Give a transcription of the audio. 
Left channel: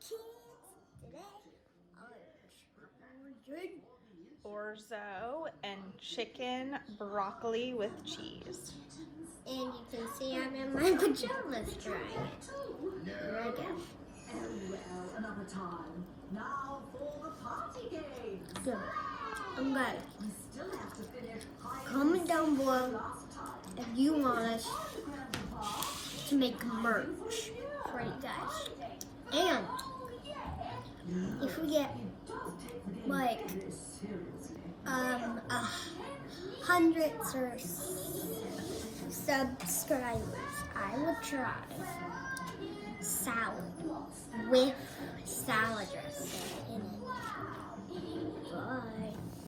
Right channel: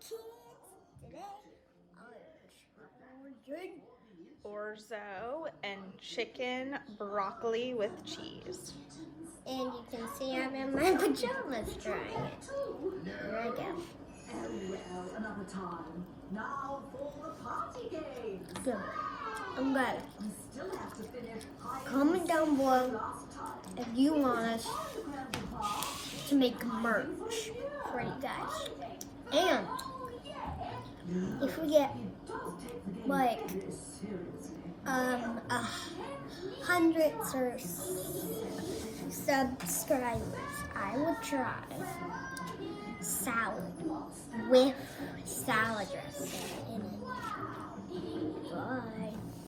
kids! Today I'm ordering Orzo and chicken broccoli with cheese. and you can see I'm in my pajamas trying it. Here I go. Another time. Now for the party game. Good. I'm good. You still have to finish. Comment down below if you want us to make merch for you guys. And if we get like 100 or subscribers, I would try salad with salad dressing in it.